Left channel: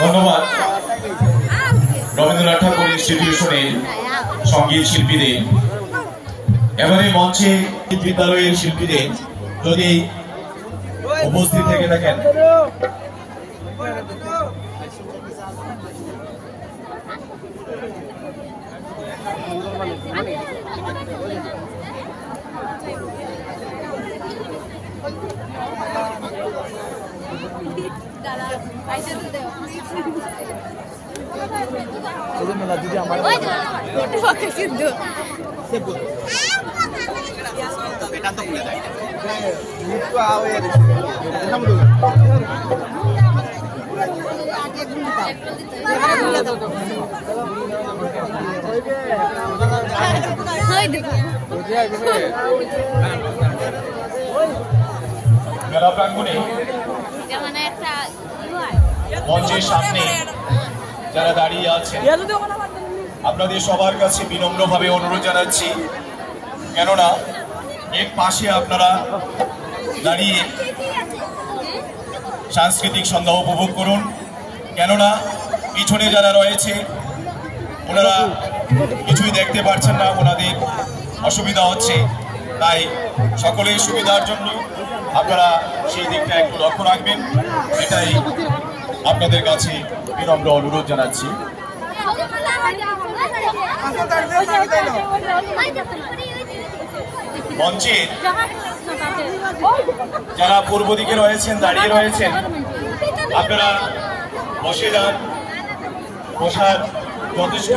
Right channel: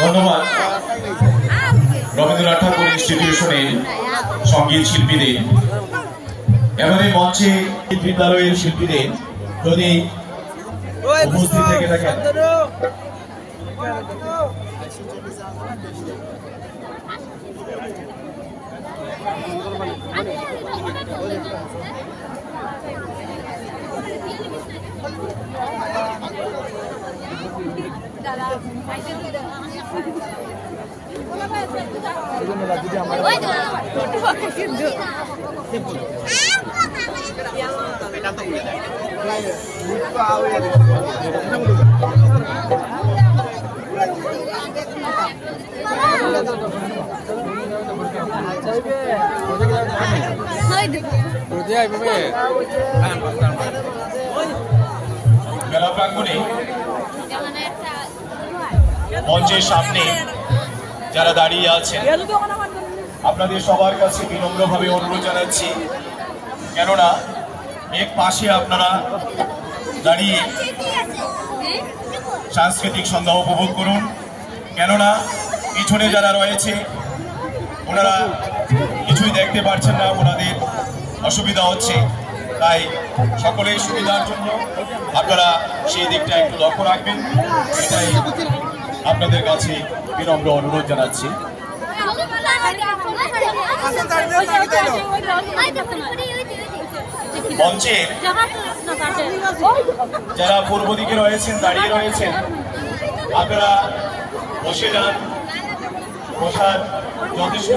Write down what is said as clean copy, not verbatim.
ধন্যবাদ রবীন্দ্রনাথ ঠাকুর ইনস্টিটিউশনের সঙ্গীত শিল্পীদের এবারে মঞ্চে বিদ্যালয়ের শিল্পীদের যদি উপস্থিত থেকে থাকেন মেলা প্রাঙ্গণে মঞ্চের সামনে যারা দাঁড়িয়ে আছেন আপনাদের সবার কাছে বিনম্রভাবে অনুরোধ জানাচ্ছি, কেননা এক পাশে আপনারা দাঁড়িয়ে সাংস্কৃতিক সন্ধ্যা উপভোগ করুন, কেননা পিছনে যারা রয়েছে ওনারা কিছুই দেখতে পারছেন না, ওনাদের অসুবিধা হচ্ছে, তাই সকলের সুবিধার জন্য আপনারা সেই দিকটা একটু লক্ষ্য রাখবেন, এটাই আপনাদের কাছে বিনম্র অনুরোধ জানাচ্ছি। মঞ্চের যারা পূর্ব দিকে রয়েছেন দাঁড়িয়ে রয়েছেন আপনারা বসে যান, বসার যথেষ্ট